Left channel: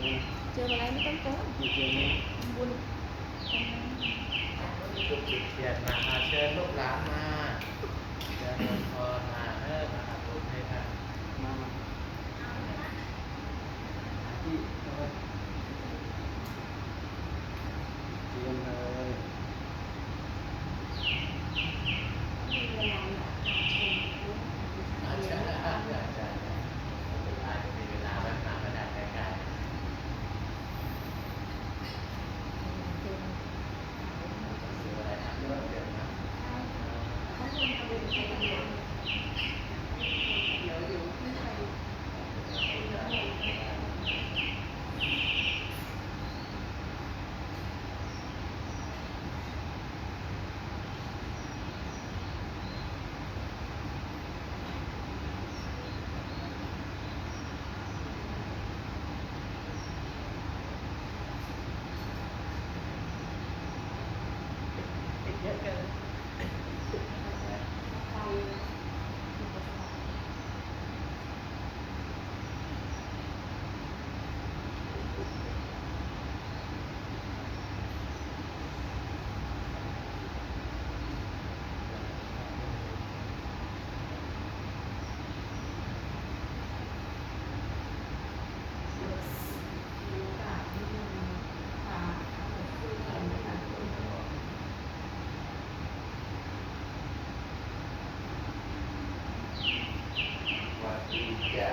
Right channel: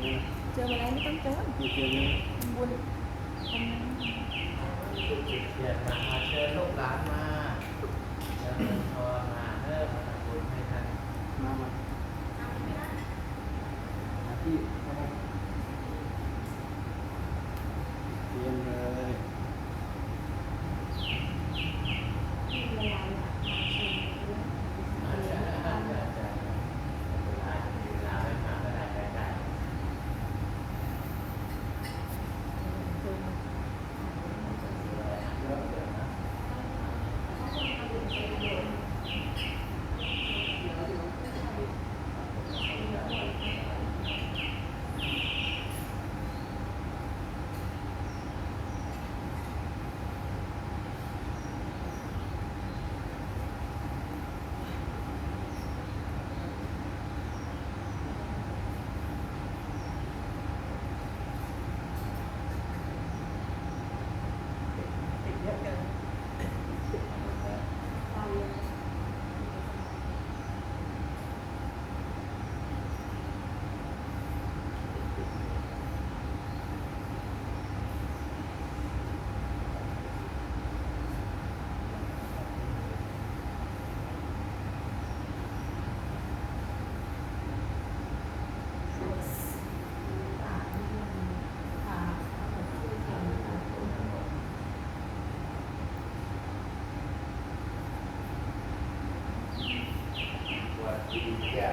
เจออะไรไม่ต้องเจอ มีเจอไหม บุญ ลูกจิตเทียนมาเชิญลูกหลานมาเชิญพรมามาบุญให้ท่าน มาที่เข้าไปเตรียมเลย อาจารย์อาจารย์อาจารย์อาจจะมีเวลาไว้มาก็ได้ใกล้วันที่จะ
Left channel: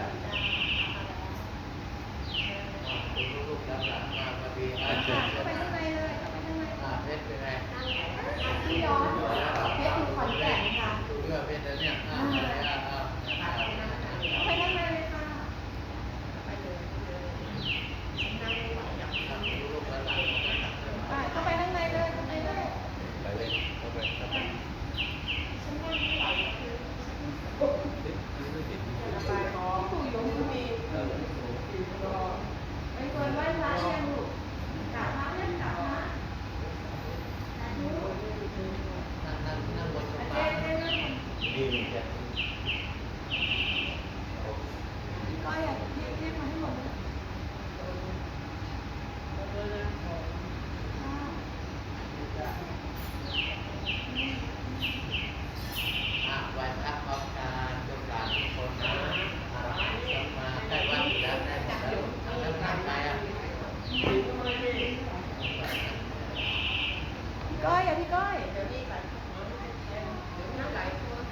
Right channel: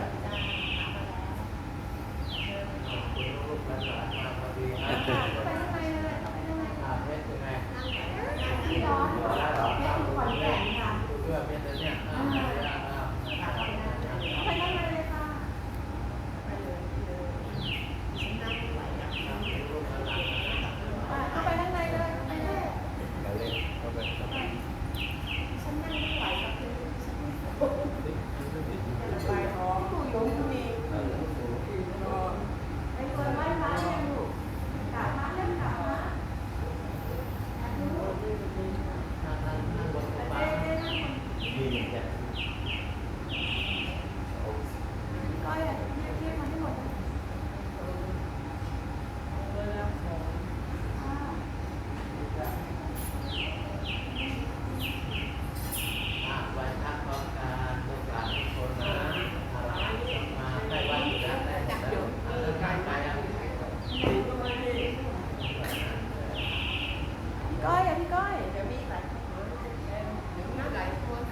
ลูกหลานมาพอดีนะ เข้าไปข้างในเลยเข้าไปข้างใน เพชรเป็นไง พี่ย้อนเพชรอยู่ขอนแก่นค่ะ เพื่อเพชรเนี่ย เข้าไปข้างในเลยค่ะ ลูกหลาน เข้าไปข้างในเลยเข้าไปเลย ไปเล่นเข้าไปเข้าไป ฉันนั่งไม่ไหวกับเธอฉันไม่ระบายท้องคุยอยู่มีไอ้ตัวไหว้พระเนี่ยลูกกลับมาเล่นกลับมา นั่งบนส เจ๊ บาย เจ๊นั่งคน ดีเหมือนกัน ก้อยเรียกมาให้หมดเลยอ่า วันพักวันการลูกหลานทุกคนนะมาได้วัดอยู่แล้วได้จับอยู่เดินทางไปอ่ะ พี่ก้อยอ่ะพี่ก้อยเดี๋ยวมีหลายคนเดี๋ยวมีหลายคน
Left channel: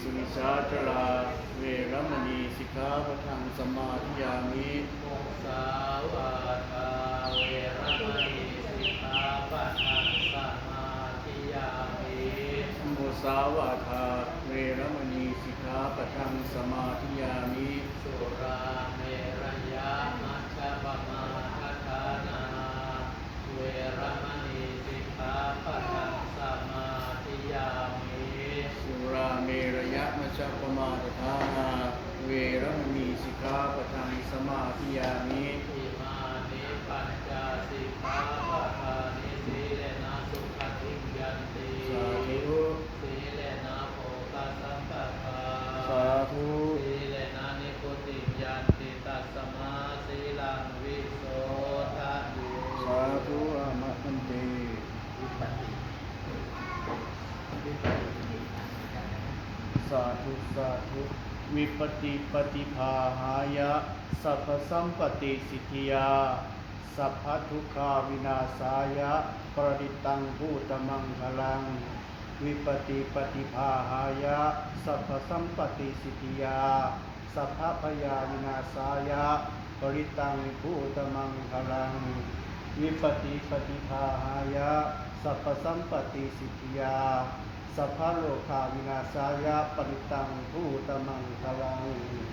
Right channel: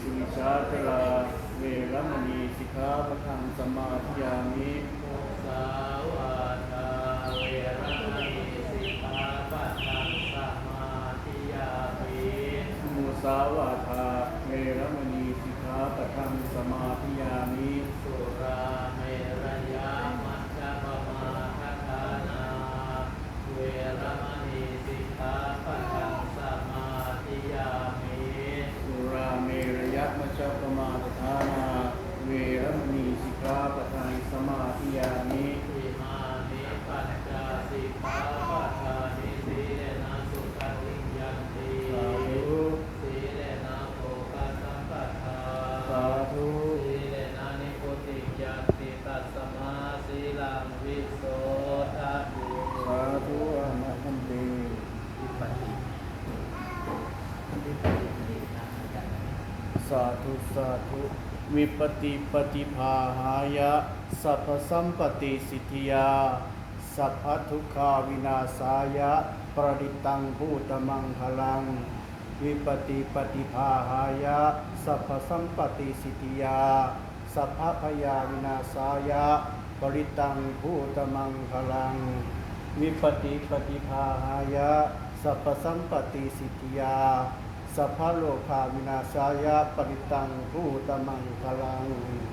สุวิชาจลาเวรมณีสิกขาปะทังสมาธิยามิ มุสาวาทาเวรมณีสิกขาปะทังสมาธิยามิ มุสาวาทาเวรมณีสิกขาปะทังสมาธิยามิ สุราเมรยามัชฌัปมาทัฏฐานาเวรมณีสิกขาปะทังสมาธิยามิ สุราเมรยะมัชฌัปมาทานาเวรมณีสิกขาปะทังสมาธิยามิ อิมานิปัญจสิกขาปะทานิสีเลนะสุขติยันติ สาธุ สีเลนะโภคสัมปทา สาธุ สีเลนะนิพุติยันติตัสมาสีลังวิโสทะตุ สาธุอามะคันเต วิปัสสิสาธุสาธุวิปติปฏิภาหายะสัพพสัมปติสิทธิยาสัพพทุกขาวินาศายะปรดิตังภูตมังคลังวิปติปฏิภาหายะสัพพสัมปติสิทธิยาสัพพพยาวินาศายะปริตังภูตมังคลังวิปติปฏิภาหายะสัพพสัมปติสิทธิยาสัพพโลกาวินาศายะปริตังภูตมังคลัง โ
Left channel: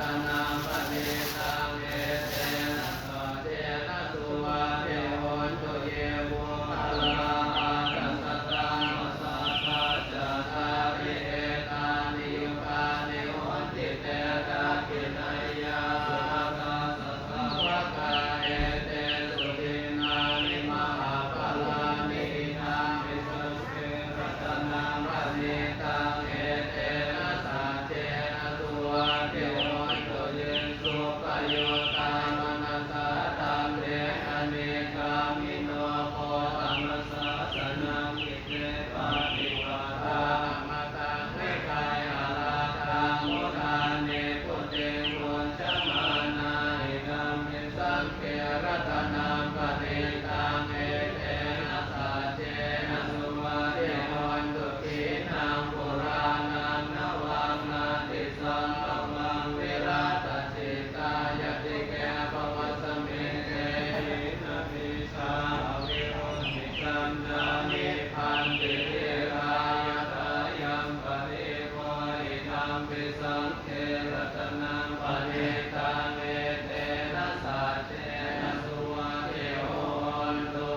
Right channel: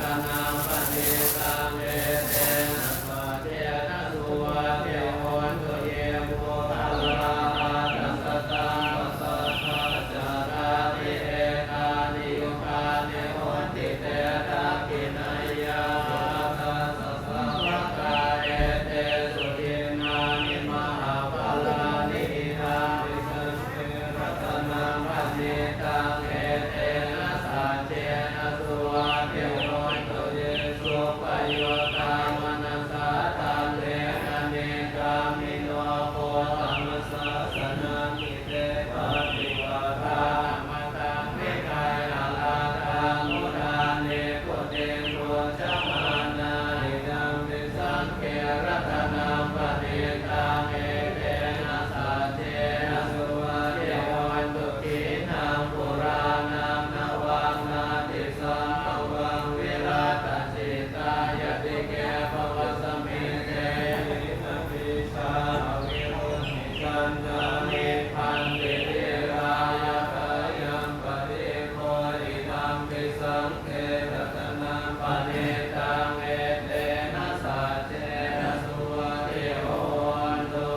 ตนังปณิตังเอเตนะปะเจนะสุวัตเทโหนตุเยโวภะลาอาตัสสะตังปัสสะทะจาตาริเอกานิยุคานิโหติเตระกินัยยาสุตตัสสะสัพพะกาเอเตสุทินานิมหาภลานิอิทังวิสัชเชรัตนังปณิตังเอเตนะสัจเจนะสุวัตเทโหนตุเยสุปโยตามนัสสะธัมเมนะเนกามิโนโคตัมมัสสะสนะมิเตปะติวะทามะตังเมกายอาลาทังมุทาเนปุเตโรจมานาอิดัมปิสังเขรัตนังปณิตังเอเตนะสัจเจนะสุวัตเทโหนตุขีนังปุรานังนวังนาติสังฆวังวิรัตจิตายติเกภวสมิเตนะปิชาวิรุณมิจันทานิพันติเรรายตายังปฏิโคอิทัมปิสังเขรัตนังปณิตังเอเตนะสัจเจนะสุวัตเทโหนตุ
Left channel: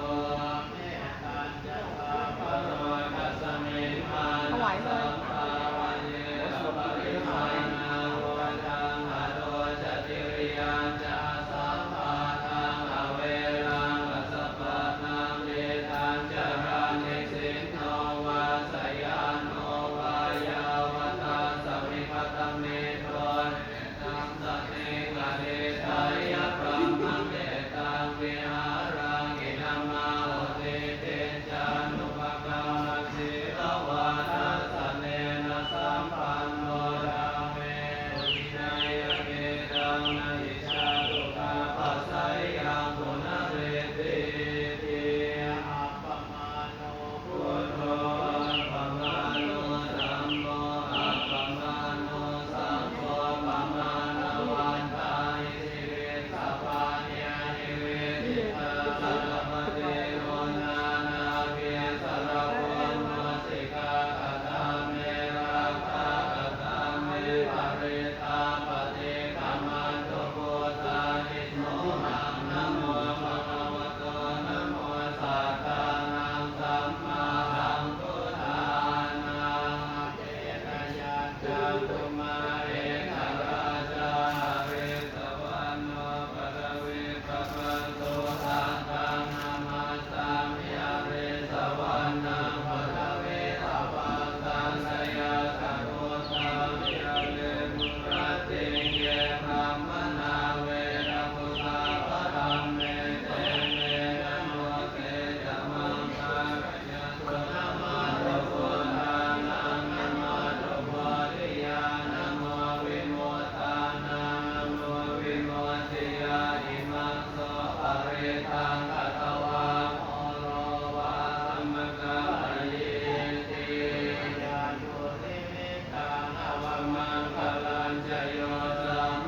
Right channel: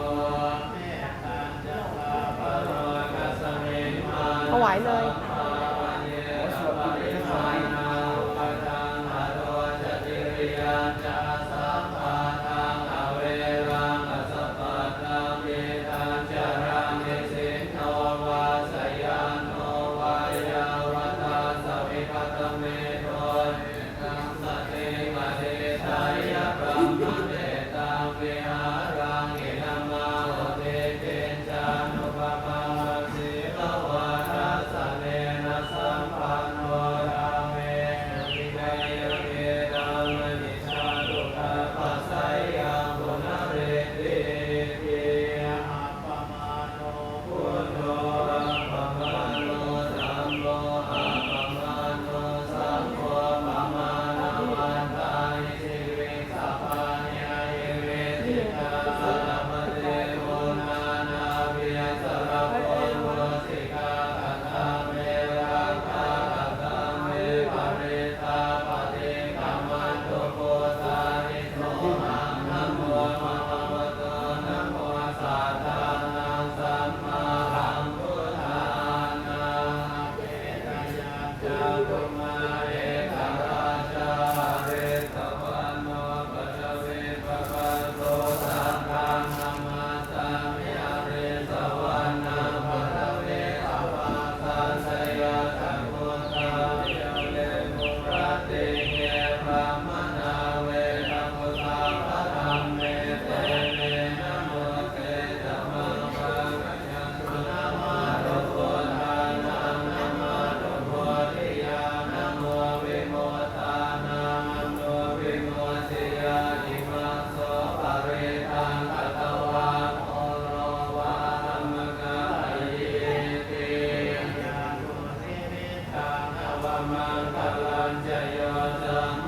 เมตัญจะปะปะโรกัสสมิงมา ถวายเลย ภาวันเยสุปริมาณาวะดังหะโตจติริยังจะสัพพะทังอเวรังกัสสะปะทังเยทันจารานิสินโนวาสยานโนวายาวตาสวิปัตตเมโทเนตังสติมะเดทายะพระมะเนตังวิหารังอินามาโหเตเตจานุปปัมมัสสิลวาทัสสะเนนะสัมปันโนราเมวินัยเมตังมณิชาตุตาปัสสัยยังปุณเรติปิอัปปมาโนพุทโธอัปปมาโนธัมโมอัปปมาโนสังโฆปมาณวันตานิสิริสัพพะญาณิเวทิตาสัพพะเทโวนานาเวียสารโพโมสิกาอัตตาเมรังคาอัตตาเมปะเรตาปะเทกัมมันตุโกสานิโสหังนะโมภะคะวะโตนะโมสัทธานังสัมมาสัมพุทธานังเจตยาจังกุมาเรกราชาเรตวันโนปัจเวปะคะโตสัทธานัมมาสามิอเรสวันนังปัจเวปะวาสันสยาสัพพุทธามิอเรมุปรติเยพระมนาเวรมุตาพระธรรมเมเตเมนะโมเกจมังคะยันตุนะมาตุพุทธานังนะมาตุโพธิญาณนะโมวิโมตานังนะโมวิโมติยานิมัสโสปะเรตังกัตตวาโอโรวาธัมมกายติยานุสิมิตังอวมังคลังจโยจัมม